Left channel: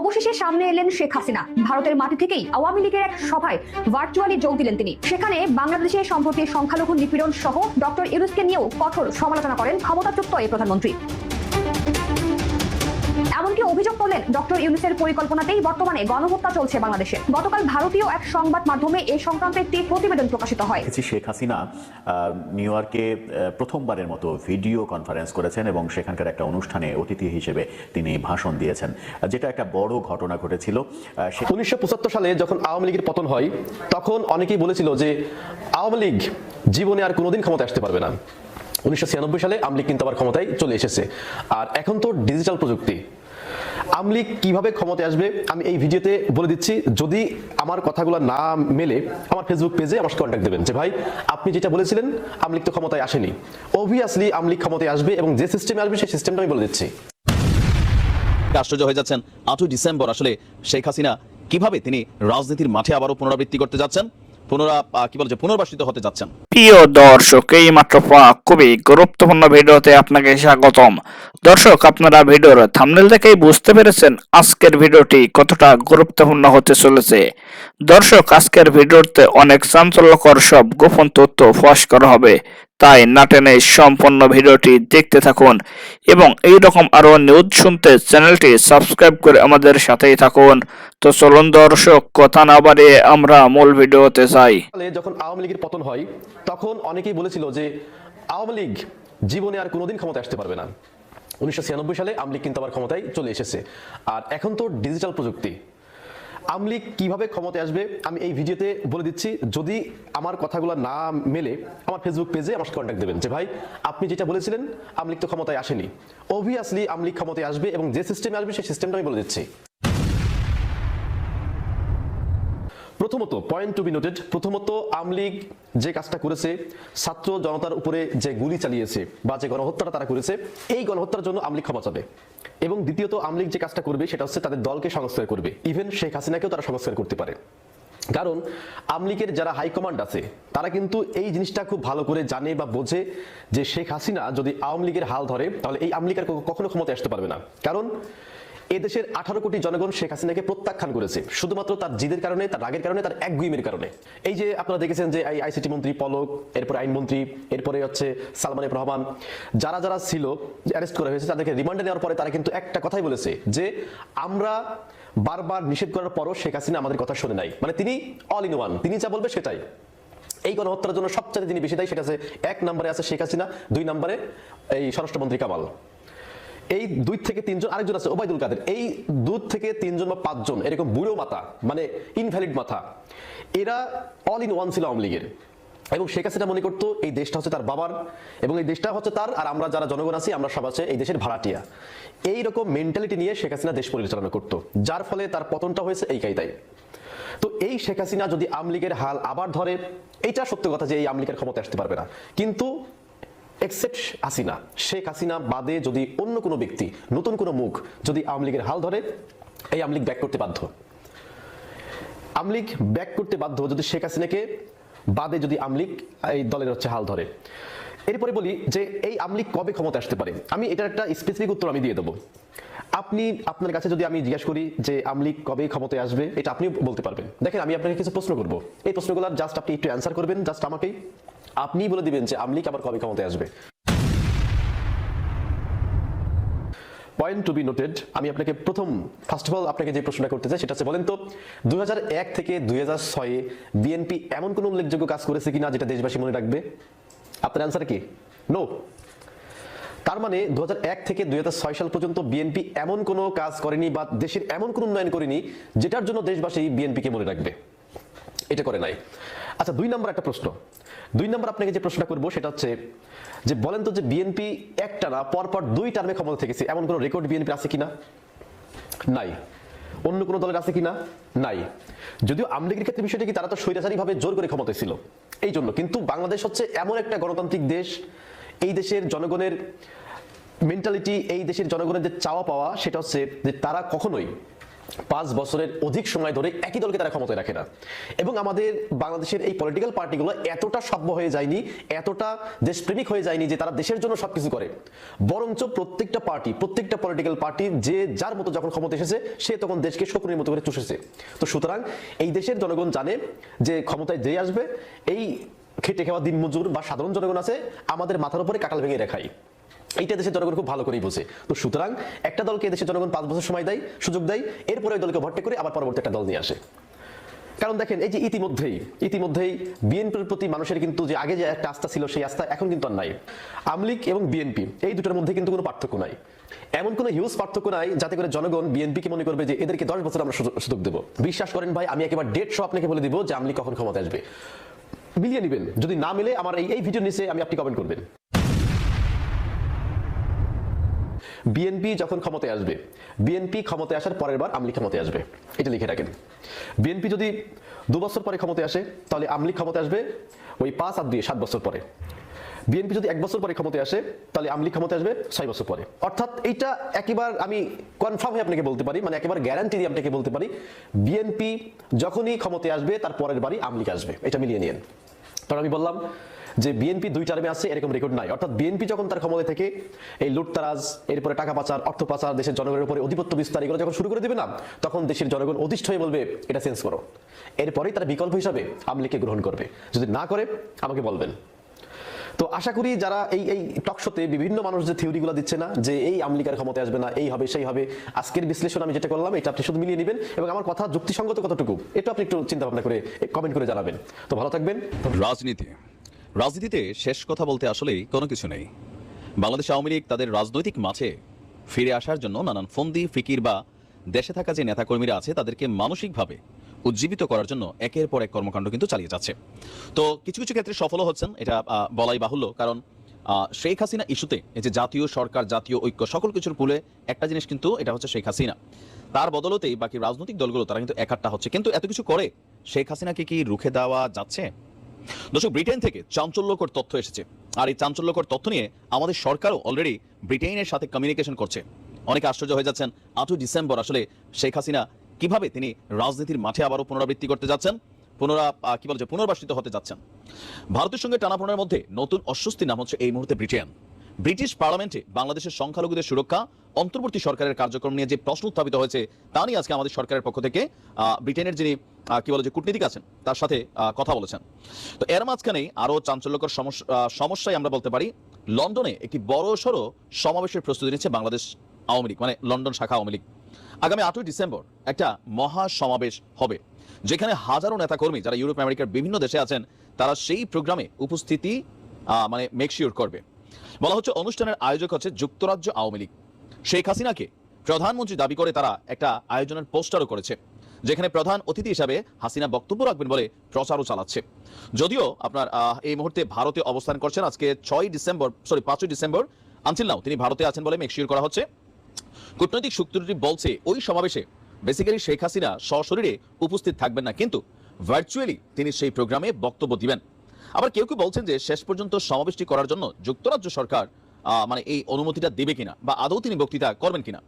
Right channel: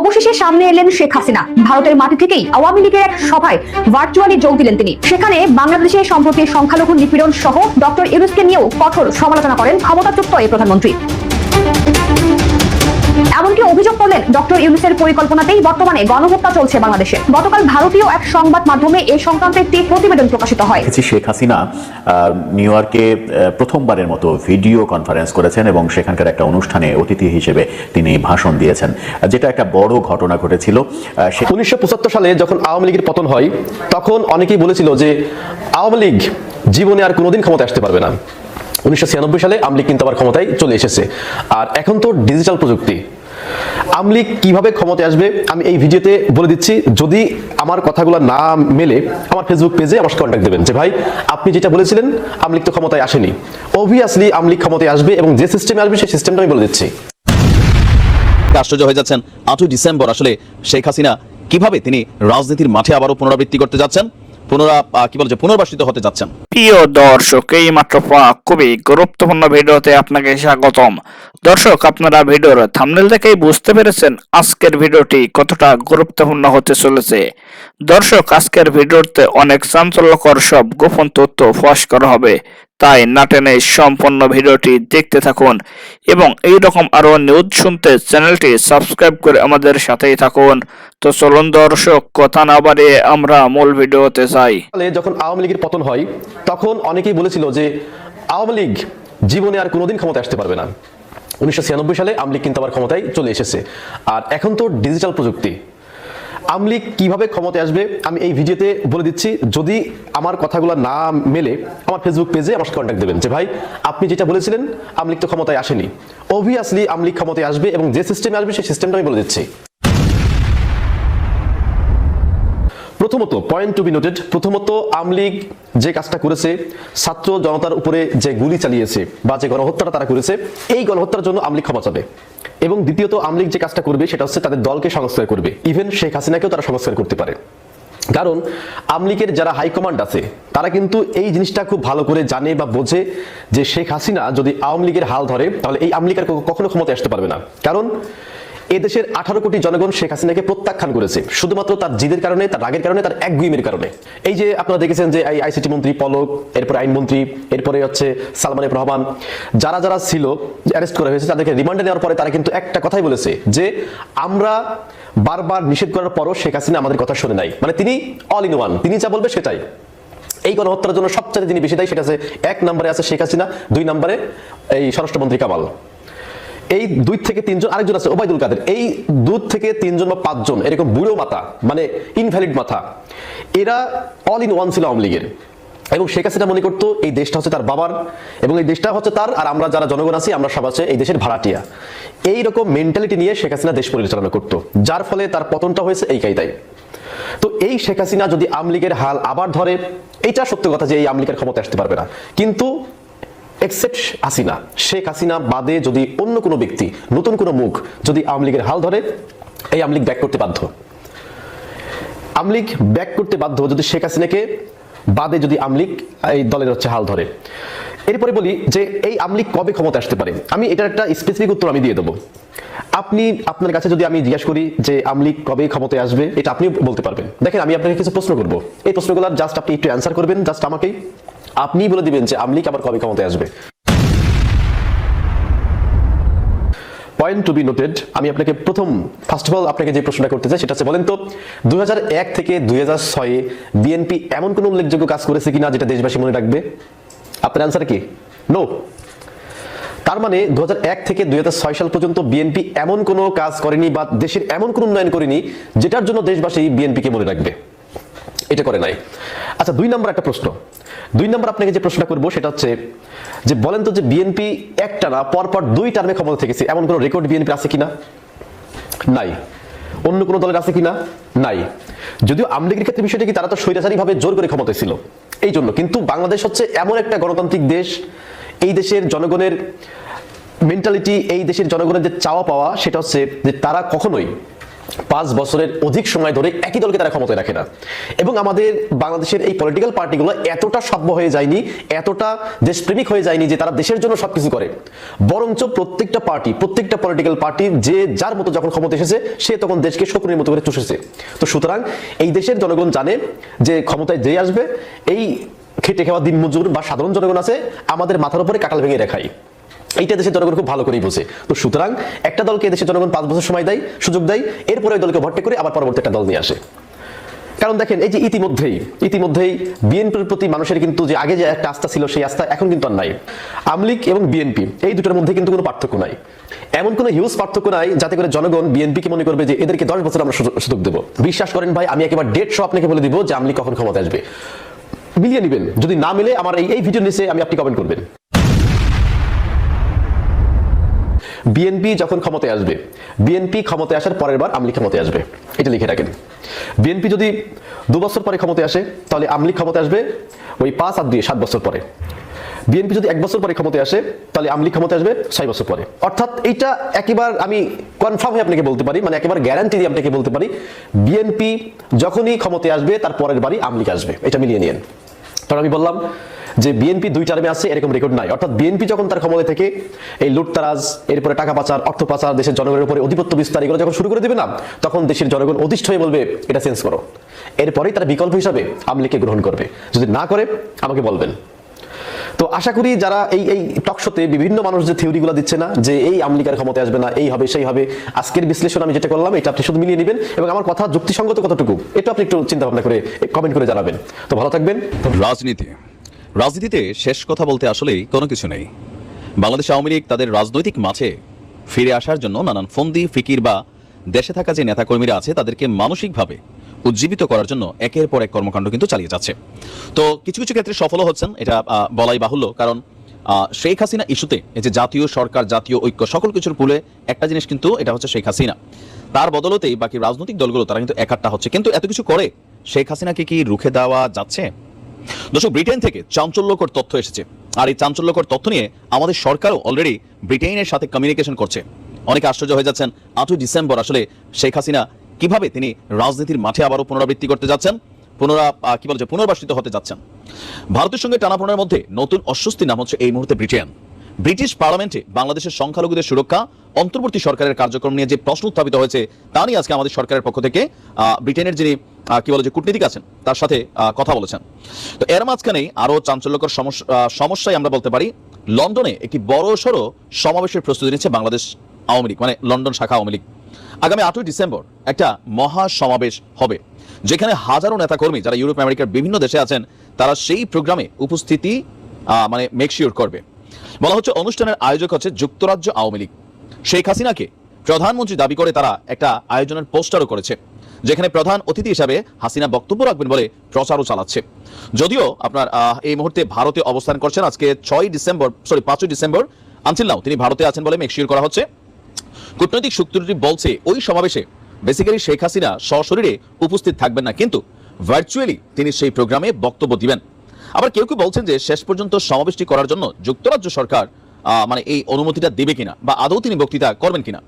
অবশেষে সামনে এলেন শেখ হাসিনা। ভারতের মাটি থেকেই আওয়ামী লীগের এক সভায় ভার্চুয়ালি যোগ দিলেন তিনি। সেখানে বাংলাদেশের সম্প্রতি সংখ্যালঘু নিপীড়ন সহ ডক্টর ইউনূসকে নিয়েও কঠোর সমালোচনা করেন ক্ষমতাচ্যুত এই প্রধানমন্ত্রী। এমনকি অভিযোগ করলেন ডক্টর ইউনূসের পরিকল্পনাতেই বর্তমানে গণহত্যা চলছে বাংলাদেশে। গতকাল ভারতীয় এক সংবাদ মাধ্যমে এই সংক্রান্ত একটি প্রতিবেদন প্রকাশিত হয়। শেখ হাসিনা নিউ ইয়র্কে প্রথমবারের মতো ভিডিও কনফারেন্স করেছেন এবং সেখানকার একটা অনুষ্ঠানে অতিথি হিসেবে তিনি ভাষণ দিয়েছেন, যেটা একটা বড় ঘটনা ঘটেছিল। 1975 সালে যখন আওয়ামী লীগের পতন হয়, তখন অনেকেই বলেছিল যে আওয়ামী লীগ জীবনে আর কোনোদিন ক্ষমতায় আসতে পারবে না। 1996 সালে আওয়ামী লীগ কিন্তু আবার ক্ষমতায় চলে এসেছে। আর এখন তো ডিজিটাল প্রযুক্তি, আওয়ামী লীগ কিভাবে ক্ষমতায় আসবে আমি এই ভিডিওতে বলে দিচ্ছি। যদি আমার কথাগুলো না মেলে আমার ফেসবুক পেজে আমার সাথে কন্ট্যাক্ট দেবেন যে ভাই আপনি যেটা বলেছিলেন আওয়ামী লীগ তো ক্ষমতায় আসেনি। অবভিয়াসলি আওয়ামী লীগ ক্ষমতায় আসবে এবং যে সিস্টেমে আসবে সেই সিস্টেমটা আমি বলে দিচ্ছি। আশ্চর্য হয়ে যাচ্ছেন 8 ডিসেম্বর আসলে শেখ হাসিনা কিভাবে তিনি রাজনীতির মাঠে আবারও পুনরাবৃত্তি করতে যাচ্ছেন, পুনর্বাসিত হতে যাচ্ছেন। প্রিয় দর্শক, এই মাত্র খুবই গুরুত্বপূর্ণ ভিডিওতে আপনাকে স্বাগতম। দর্শক, আপনারা ভিডিওর থাম্বনেল দেখেই বুঝতে পেরেছেন আজকের ভিডিওটি কতটা গুরুত্বপূর্ণ হতে চলেছে। দর্শক, আজকের ভিডিওতে অনেক চাঞ্চল্যকর সব গোপন তথ্য ফাঁস করা হবে, তাই না টেনে সম্পূর্ণ ভিডিওটি দেখতে থাকুন এবং এই রকম আরো নিউজ শুনতে চ্যানেলটি সাবস্ক্রাইব করে আমাদের সাথেই থাকুন। তো চলুন দর্শক, কথা না বাড়িয়ে আমরা মূল ভিডিওতে যাই। যখন আওয়ামী লীগের পতন হয়, তখন অনেকেই বলেছিল যে আওয়ামী লীগ জীবনে আর কোনোদিন ক্ষমতায় আসতে পারবে না। 1996 সালে আওয়ামী লীগ কিন্তু আবার ক্ষমতায় চলে এসেছে। আর এখন তো ডিজিটাল প্রযুক্তি, আওয়ামী লীগ কিভাবে ক্ষমতায় আসবে আমি এই ভিডিওতে বলে দিচ্ছি। যদি আমার কথাগুলো না মেলে আমার ফেসবুক পেজে আমার সাথে কন্ট্যাক্ট দেবেন যে ভাই আপনি যেটা বলেছিলেন আওয়ামী লীগ তো ক্ষমতায় আসেনি। অবভিয়াসলি আওয়ামী লীগ ক্ষমতায় আসবে এবং যে সিস্টেমে আসবে সেই সিস্টেমটা আমি বলে দিচ্ছি। প্রথমত, পয়েন্ট টু বি নোটেড, প্রথমত আওয়ামী লীগ যে কাজটা করেছে, ছাত্র জনতার উপরে যে গুলি চালিয়েছে বা যে গণহত্যাটা তারা করেছে, এই গণহত্যার জন্য আওয়ামী লীগ ক্ষমা চাবে। এবং দ্বিতীয়ত আওয়ামী লীগ যে কাজটা করবে সেটা হচ্ছে তাদের দলকে সংস্কার করবে। ইভেন শেখ হাসিনাকেও তারা সংস্কার করতে পারে, কারণ আওয়ামী লীগের যারা হাইকমান্ড আছে তারা কিন্তু এই জিনিসটা খুব ভালো করে জানে বা বোঝে যে শেখ হাসিনা যদি আওয়ামী লীগের হাল ধরে তাহলে এই আওয়ামী লীগ আর কখনো ক্ষমতায় আসতে পারবে না। কারণ এদেশের 18 কোটি জনগণ শেখ হাসিনাকে প্রত্যাখ্যান করেছে শুধুমাত্র তার জিদের কারণে, তার রাগের কারণে, তার একগুইমের কারণে। এই যে আপনারা দেখেছেন যে আইসিটি মন্ত্রী পলক, এরপরে আইনমন্ত্রী, এরপরে হচ্ছে সালমান এফ রহমান, যারা যারা ছিল অ্যারেস্ট করা হয়েছে, তাদেরকে রিমান্ডে নেওয়ার পরে তারা কিন্তু একটা কথাই বলেছে যে আমরা বারবার নিষেধ করার পরও শেখ হাসিনা আমাদের কথা শুনে নাই। মানে তিনি অল ইন ওয়ান, তিনি যা বলবে সেটাই। এই গণহত্যার জন্য সবচেয়ে যিনি বেশি দায়ী সেটা আছে 1 নম্বরে আছে শেখ হাসিনা, 2 নম্বরে এই স্বরাষ্ট্রমন্ত্রী কামাল, এই 2 থেকে 3 জন, আরেকজন আছে ওবায়দুল কাদের। এই 2 থেকে 3 জন বা 5 জন এরকম বুড়ো মাথা, মানে ইনভ্যালিড মাথা, এরা অল ইন ওয়ান ছিল আওয়ামী লীগের। এবং শেখ হাসিনা মনে করতো এই দেশটা হচ্ছে তার বাবার এবং এই দেশটা হচ্ছে তার, আর আমরা যারা জনগণ আছি আমরা সব আছে এই দেশের ভাড়াটিয়া। এইরকম মেন্টালিটি নিয়ে শেখ হাসিনা দেশ পরিচালনা করতো, যার ফলে তার পতনটা হয়েছে এই কায়দায়। তো এই শেখ হাসিনা যদি আওয়ামী লীগের হাল আবার ধরে, এইটা সত্য কথা যে এই আওয়ামী লীগের ক্ষমতা আসতে পারবে না। কিন্তু এক্সেপ্ট হাসিনা, শেখ হাসিনা বাদে যদি অন্য কোনো ব্যক্তি, নতুন কোনো মুখ যদি আওয়ামী লীগের হাল ধরে, এই আওয়ামী লীগ ব্যাক করতে বাধ্য। আওয়ামী লীগ ব্যাক করতে বাধ্য যদি শেখ হাসিনাকে বাদে যদি আওয়ামী লীগ এই দলের হচ্ছে হাল ধরে। এরপরে বলি যে এই আওয়ামী লীগ কবে ক্ষমতা আসতে পারে, আমি এটার একটা স্পেসিফিক উত্তর আমি দিয়ে দেবো। আপনার কাছে যদি আমি জিজ্ঞাসা করি যে আওয়ামী লীগ কবে ক্ষমতায় আসবে, এটা আপনিও বলতে পারবেন। দেখেন, আমি আপনাকে কিছু প্রশ্ন করবো, এই প্রশ্নগুলো জাস্ট আপনি একটু অ্যান্সার করবেন, জাস্ট আমাকেই আপনি বলে দিবেন যে আওয়ামী লীগ আবার কবে ক্ষমতায় আসবে। পয়েন্ট টু বি নোটেড, আমি আপনাকে ফার্স্ট অফ অল আপনাকে যে প্রশ্নটা করতে চাই সেটা হচ্ছে, বলেন তো 2001 থেকে 2006 বিএনপি এমন কোন উল্লেখযোগ্য কাজ করেছে কিনা যেটা দেশবাসী মনে রাখবে? আপনার অ্যান্সার কি? নো। তার মানে 2001 থেকে 2006 সাল পর্যন্ত বিএনপি এমন কোনো কাজ করেনি বা দেশের এমন কোনো উন্নয়ন করেনি যেটার জন্য দেশবাসী বিএনপিকে মনে রাখবে, এটা করে নাই। আচ্ছা, 2 নম্বর একটা প্রশ্ন, 2 নম্বর আপনাকে যে প্রশ্নটা করবো সেটা হচ্ছে যে বলেন তো যে বিএনপি একটানা পরপর 2 টার্মে ক্ষমতা থেকেছে এমন কোনো রেকর্ড বিএনপি আছে কিনা? নাই। অন্য কোনো দলের আছে কিনা? নাই। যদিও আওয়ামী লীগের ক্ষেত্রে বিষয়টা কি, তারা তো স্বৈরাচারী ভাবে জোর করে ক্ষমতায় ছিল এই জন্য, কিন্তু বাংলাদেশ হচ্ছে এমন একটা গণতান্ত্রিক দেশ, এই দেশের জনগণের মেন্টালিটি, এই দেশের জনগণের যে চাওয়া পাওয়া সেটা হচ্ছে যে তারা কখনোই 5 বছরের অধিক সময় ধরে একই দলকে তারা ক্ষমতায় রাখে না। এবং আমাদের বাংলাদেশের এই পলিটিক্যাল পার্টিগুলো এতটা সভ্য হয়ে যায়নি, এতটা দেশপ্রেমিক হয়ে যায়নি যে তারা দেশের জন্য সবকিছু করে, বরঞ্চ প্রত্যেকটা পলিটিক্যাল পার্টি যে যার মতো যখন ক্ষমতা এসেছে সে তখন দেশকে শকুনের মতো করে চষেছে। তো সুতরাং এই দেশের জনগণ জানে যে ক্ষমতায় যে আসবে, এই খেটে খাওয়া দিন মজুর বা সাধারণ জনগণ আছে আমাদের মাথার উপরে কাঁঠাল ভেঙে রেখাই, এইটা দেশের জনগণ খুব ভালো করেই বোঝে। তো সুতরাং একটা দলকে দেশের জনগণ 5 বছর সময় দেয়, সুযোগ দেয়, এরপরে ওই দলকে ভর্তি করে আবার পরবর্তী একটা দল নিয়ে আসে। কারণ দেখেন এই যে ইতিমধ্যেই বিএনপির প্রতি মানুষের কিন্তু যে আগে যে একটা আস্থা ছিল সেই আস্থা এখন কিন্তু আর নাই। আওয়ামী লীগ এবং বিএনপি এই দুটোর মধ্যে কিন্তু কোনো পার্থক্য নাই, এমন কোনো হিউজ পার্থক্য নাই যাতে করে জনগণ বিএনপিকে মনে করবে যে এদেরকে 10 বছর আমরা সুযোগ দেবো। বিশ্বাস করেন ভাই, আমি একেবারে ডেট সহ আপনাকে বলে দিব যে আওয়ামী লীগ কখন ক্ষমতা আসবে, মিলিয়ে নেবেন। যদি না মিলে আমার এই ভিডিওর নিচে আপনি কমেন্ট করবেন। বিএনপি যখন ক্ষমতায় আসবে, বিএনপি ক্ষমতায় আসার পরের বার আওয়ামী লীগ ক্ষমতায় আসবে, এটা লিখে রাখেন। বিএনপি যদি 2 বছর পরে ক্ষমতায় আসে তাহলে আওয়ামী লীগ ক্ষমতায় আসবে ওই 5 আর 2 7 বছর পরে। বিএনপি যদি 1 বছর পরে ক্ষমতায় আসে তাহলে আওয়ামী লীগ ক্ষমতায় আসবে 6 বছর পরে। অর্থাৎ এইটা একেবারে আমি কনফার্ম হয়ে আপনাকে বলতে পারি, মানে একেবারে গ্যারান্টি দিয়ে আপনাকে বলতে পারি, বিএনপি যখনই ক্ষমতায় আসবে তার পরের বারই আওয়ামী লীগ আসবে, এটা মিলিয়ে নিন। কারণ আমি বললাম যে বিএনপি 2 টার্মে আসছে এরকম রেকর্ড নাই। অর্থাৎ বিএনপি যখন তার ক্ষমতা থেকে এই লুটতারাজ, এরপরে টাকা পাচার, অর্থ পাচার, দেশের জনগণের উপরে আধিপত্য বিস্তার এগুলো যখন শুরু করে দিবে না, তখন দেশের জনগণ অধিষ্ঠ হয়ে বলবে এটা চেঞ্জ করো। এরপরেই তারা বিকল্প হিসাবে আওয়ামী লীগকে গ্রহণ করবে। যদি না করে আমাকে বলবেন। তো আশা করি যারা এই টকশোতে বিভিন্ন মানুষ যে থিওরিগুলো দিচ্ছে না যে এই আওয়ামী লীগের ক্ষমতায় আসবে না, এই হবে সেই হবে, আজকের বিশ্লেষণ আমি যেটা করলাম এটা আপনি শুধু মিলিয়ে নেবেন এবং আমার কথা যুক্তিসঙ্গত কতটুকু এটা আপনি একটু চিন্তা ভাবনা করে কমেন্ট করে জানাবেন। তো ভালো থাকবেন। রাজনীতিতে শেষ কথা বলতে আসলেই কোনো কিছু নেই। বাংলাদেশ আওয়ামী লীগ তাদের রাজনৈতিক মাঠে ফিরে আসার জন্য নানান ফন্দি ফিকির বা দেশে থাকা যে নেতাকর্মীরা আছে তাদেরকে মানসিকভাবে উজ্জীবিত করার জন্য একের পর এক কর্মকাণ্ড কিন্তু চালিয়ে যাচ্ছে। তো কিছু কিছু ক্ষেত্রে সফল হচ্ছেন, এটা বলাই বাহুল্য। কারণ শেখ হাসিনা ইস্যুতে এই যে জাতীয় সরকার, জাতীয় ঐক্য, সকল কিছুর পুলে একটা জিনিস কিন্তু এটা হচ্ছে শেখ হাসিনা। তার বদলতেই বাকি রাজনৈতিক দলগুলো তারা কিন্তু একাট্টা হচ্ছে। কিন্তু এত কিছু করে শেখ হাসিনাকে কি রুখে দেওয়া যাচ্ছে? দর্শক, ব্রিটেন থেকে চাঞ্চল্যকর তথ্য এসেছে, আর এই চাঞ্চল্যকর তথ্য নিয়ে আমাদের সরকারও অলরেডি ব্রিটেনের সাথে কমিউনিকেশন করছে। অনেকে আশ্চর্য হয়ে যাচ্ছেন 8 ডিসেম্বর আসলে শেখ হাসিনা কিভাবে তিনি রাজনীতির মাঠে আবারও পুনরাবৃত্তি করতে যাচ্ছেন, পুনর্বাসিত হতে যাচ্ছেন। ভারতের সঙ্গে টানাপোড়েনের মধ্যে নতুন অস্বস্তি নাম হচ্ছে এই মুহূর্তে ব্রিটেন। ব্রিটিশ পার্লামেন্টে বাংলাদেশের সংখ্যালঘুদের সুরক্ষা, অন্তর্বর্তী সরকারের কার্যক্রম নিয়ে যে প্রশ্ন উত্থাপিত হয়েছে তা নিয়ে আজকে আমাদের সরকারের পক্ষ থেকে ব্রিটেনের যিনি কূটনীতিক আছেন তার সাথে কথা বলেছেন। তো এর মাঝখানে আরো চাঞ্চল্যকর সমস্যায় আমরা বলতে পারি, লন্ডনে একটি বড়সড় সমাবেশের প্রস্তুতি নিচ্ছে বাংলাদেশ আওয়ামী লীগ, মানে লন্ডন শাখা আওয়ামী লীগ। আগামী 8 ডিসেম্বর একটা মহা সমাবেশ হবে, যেখানে হাজারো নেতাকর্মী যারা ইউরোপ আমেরিকার বিভিন্ন দেশে আছেন তারা সেই প্রোগ্রামে উপস্থিতি মেকশিওর করবে। বলা হচ্ছে অনুষ্ঠানের আয়োজক হচ্ছে যুক্তরাজ্য আওয়ামী লীগ। শেখ হাসিনাকে প্রধানমন্ত্রী দাবি করে তারা একটা আয়োজনের পোস্টারও করেছে, যেখানে প্রধান অতিথি হিসাবে হাসিনা বক্তব্য রাখবেন বলে প্রচারও চালাচ্ছে। যদিও আপনার এই মুহূর্তে ভারতে অবস্থান করছেন, আজকে 5 ডিসেম্বর আনটিল নাও তিনি ভারতে আছেন বলে মেকশিওর করা হচ্ছে। কূটনৈতিক সূত্রটি বলছে ওই সমাবেশে বেসিক্যালি শেখ হাসিনা সশরীরে উপস্থিত থাকবেন না, কিন্তু ভার্চুয়ালি তিনি সেই প্রোগ্রামে বক্তব্য দিবেন। আবার কেউ কেউ বলছেন যে শেষ পর্যন্ত সমাবেশটি করার জন্য যুক্তরাজ্য সরকার এই অনুমতিটা দেবে কিনা বা আদৌ তিনি বক্তৃতা করবেন কিনা।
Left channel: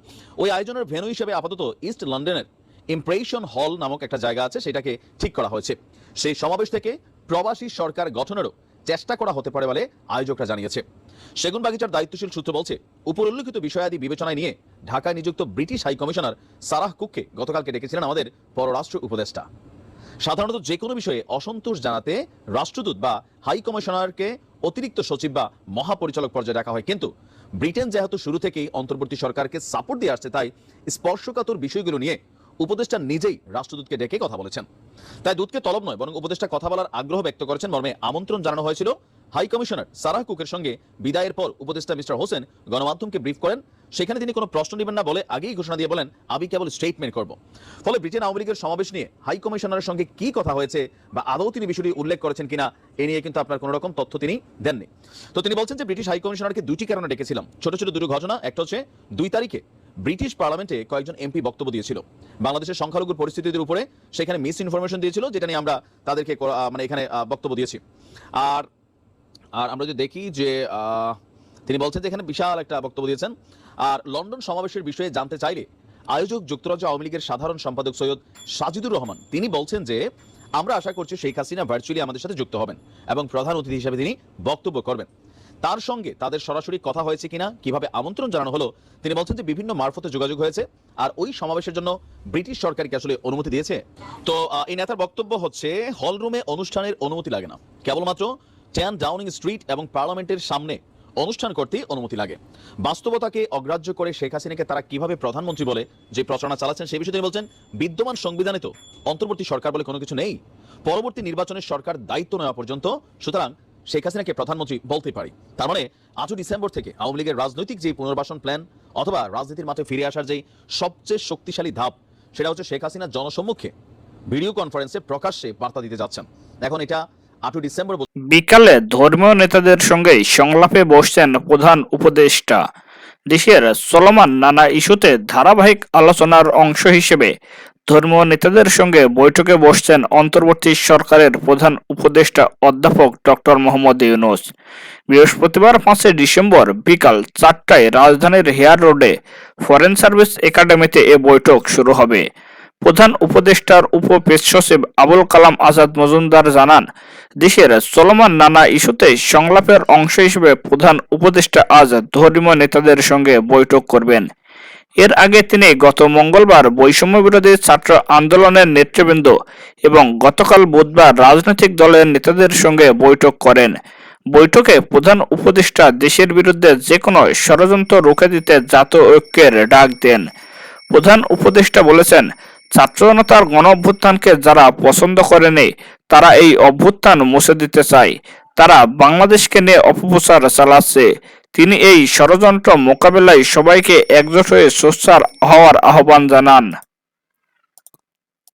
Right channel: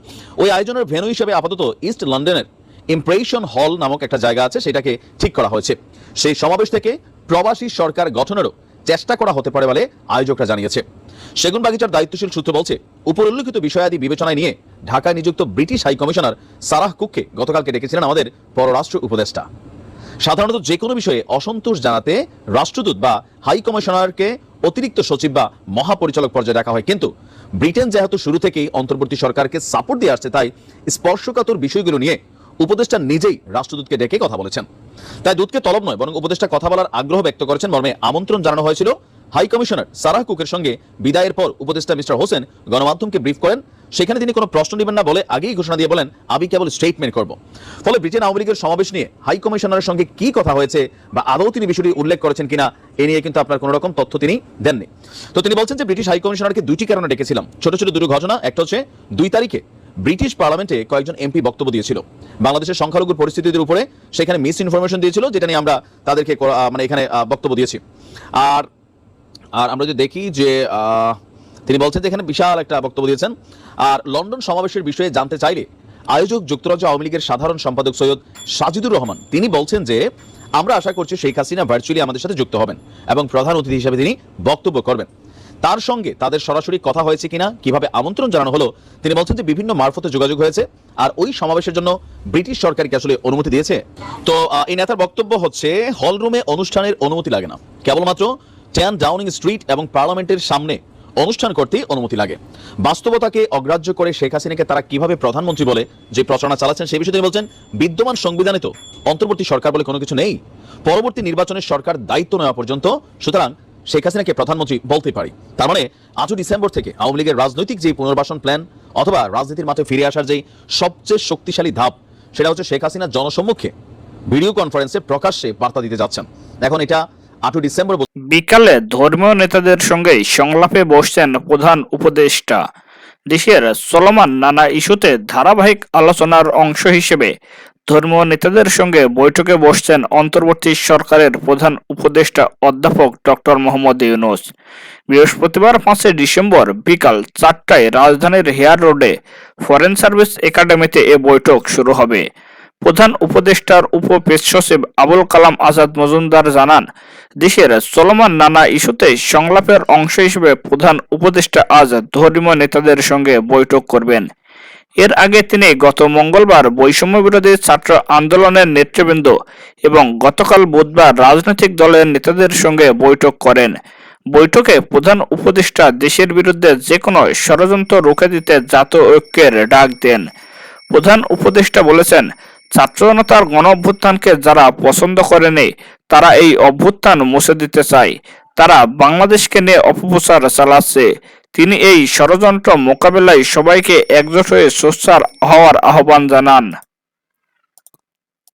ওই আয়োজনের ভেন্যু হিসেবে আপাতত ইস্ট লন্ডনের ইমপ্রেশন হল নামক একটা জায়গা আছে, সেটাকে ঠিক করা হয়েছে। সেই সমাবেশ থেকে প্রবাসী সরকার গঠনেরও চেষ্টা করা হতে পারে বলে আয়োজকরা জানিয়েছে। সেগুনবাগিচার দায়িত্বশীল সূত্র বলছে, উপরোল্লিখিত বিষয়াদি বিবেচনায় নিয়ে ঢাকায় নিযুক্ত ব্রিটিশ হাই কমিশনার সারাহ কুককে গতকালকে ডেকেছিলেন আমাদের পররাষ্ট্র উপদেষ্টা। সাধারণত যে কোনো বিষয়ে অসন্তোষ জানাতে রাষ্ট্রদূত বা হাই কমিশনারকে অতিরিক্ত সচিব বা মহাপরিচালক পর্যায়ে ডাকা হয়, কিন্তু ব্রিটেন যেহেতু শুরু থেকেই অন্তর্বর্তী সরকারকে সাপোর্ট দিয়ে আসছে, তাই স্পর্শকাতর বিষয়গুলো নিয়ে উপদেষ্টা নিজেই রাষ্ট্রদূতকে ডেকে কথা বলেছেন। তাই দূতকে তলব নয় বরং উপদেষ্টা কথা বলার আগ্রহ ব্যক্ত করেছেন মর্মে আমন্ত্রণ জানানো হয়েছিল। হাই কমিশনার সারাহ কুকের সঙ্গে বিদায়ের পর উপদেষ্টা মিস্টার হোসেন গণমাধ্যমকে ব্রিফ করেন। সেখানে তিনি কোনো প্রশ্ন নেবেন না বলে আগেই ঘোষণা দিয়ে বলেন, আমি কেবল স্টেটমেন্ট করব। ফলে ব্রিটেন আওয়ামী লীগের সমাবেশ নিয়ে হাই কমিশনারের সঙ্গে কি কথা হয়েছে বা আদৌ তিনি বিষয়টি উল্লেখ করেছেন কিনা এ নিয়ে কিন্তু আপনার কোনো রকম তথ্য তিনি দেননি। তো তিনি বলছেন যে ব্রিটিশ হাই কমিশনারকে 2টি কারণে ডেকেছিলাম। ছোট ছোট 2 ঘটনা। একটা হচ্ছে 2 তারিখে ব্রিটিশ পার্লামেন্টে কয়েকজন এমপি বক্তব্য দিয়েছিল বাংলাদেশের সংখ্যালঘুর পরিস্থিতির উপরে, সেখানে মিস ইনফরমেশন দিয়েছিল, যেটা নিয়ে আমরা তাদেরকে এখানে বক্তব্য দিয়েছি। আর আমরা যদি দেখি যে তিনি বলছেন যে এখানে বিশাল একটা বক্তব্য দিয়েছেন। আর লন্ডন সমাবেশের বিষয়ে জানতে চাইলে আয়োজক যুক্তরাজ্য আওয়ামী লীগের সাধারণ সম্পাদক সৈয়দ সাজিদুর রহমান তিনি বলছেন যে আমরা আশা করছি শেখ হাসিনা ভার্চুয়ালি আমাদের সাথে যুক্ত হবেন এবং প্রধান অতিথি হিসেবে তিনি বক্তব্য করবেন। তার সঙ্গে তাদের সরাসরি কথা হয়েছে কিনা, কিভাবে আমন্ত্রণ জানানো হলো, তিনি বলছেন যে বিভিন্ন মারফতে যোগাযোগ হয়েছে আর ওই সমাবেশের জন্য ব্রিটিশ সরকারকে আসলে অনুমতি দিয়েছে। তো এই নেতার বক্তব্য হচ্ছে হল রুমে অনুষ্ঠানের অনুমতি লাগে না, কেবলমাত্র 10 ডাউনিং স্ট্রিট এবং পার্লামেন্টের সামনে অনুষ্ঠান করতে অনুমতি লাগে। বাস্তবতাকে অগ্রাহ্য করে শেখ হাসিনাকে তারা কিভাবে প্রধানমন্ত্রী বলে যে প্রচারণা চালাচ্ছেন সেই বিষয়ে তিনি বলছেন বিদ্যমান সংবিধানে তো অন্তর্বর্তী সরকার বলে কোনো কিছু নেই, পরবর্তী নির্বাচনের সরকার দায়িত্ব নেওয়া পর্যন্ত, সুতরাং শেখ হাসিনাকে প্রধানমন্ত্রী বলতে পারি। তার মানে 8 ডিসেম্বর থেকে আওয়ামী লীগের রাজনৈতিক যে পুনর্বাসন প্ল্যান অথবা রাজনীতির মাঠে ফিরে আসার যে সবচেয়ে শক্তিশালী ধাপ, সেটা হচ্ছে শেখ হাসিনা জনসম্মুখে ভিডিও কনফারেন্সে প্রকাশ্যে বার্তা দিতে যাচ্ছেন। এখন এটা 8 ডিসেম্বর বিকালে ধর্মীয় নেতাদের সঙ্গে সংলাপে বসছেন প্রধান উপদেষ্টা। দেশের চলমান নানা ইস্যুতে ধারাবাহিক আলোচনার অংশ হিসেবে ধর্মীয় নেতাদের সঙ্গে বৈঠকে বসছেন অন্তর্বর্তী সরকারের প্রধান উপদেষ্টা অধ্যাপক ডক্টর মোহাম্মদ ইউনূস। বৃহস্পতিবার 5 ডিসেম্বর বিকাল 4টায় রাজধানীর হেয়ার রোডে ফরেন সার্ভিস একাডেমিতে এ বৈঠক শুরু হবে। প্রধান উপদেষ্টার উপপ্রেস সচিব আবুল কালাম আজাদ মজুমদার জানান, দেশের চলমান নানা ইস্যুতে সংলাপের অংশ হিসেবে প্রধান উপদেষ্টা আজ ধর্মীয় নেতাদের সঙ্গে বৈঠক করবেন। এর আগে তিনি গত মঙ্গলবার বৈষম্য বিরোধী ছাত্র আন্দোলনের নেতৃবৃন্দ এবং গতকাল বুধবার রাজনৈতিক দলের নেতাদের সঙ্গে বৈঠক করেন। বৈঠকে প্রধান উপদেষ্টা দেশের বিরুদ্ধে যে কোনো ষড়যন্ত্র রুখে দিতে জাতীয় ঐক্যের ডাক দেন। প্রধান উপদেষ্টা বলেছেন, ছাত্র জনতার গণ অভ্যুত্থানকে যারা পছন্দ করেনি তারা এই অভ্যুত্থান মুছে দিতে চায়, তারা বাংলাদেশকে নিয়ে অপপ্রচার চালাচ্ছে। তিনি এই ষড়যন্ত্র মোকাবেলায় সবাইকে একজোট হয়ে সোচ্চার হওয়ার আহ্বান জানান।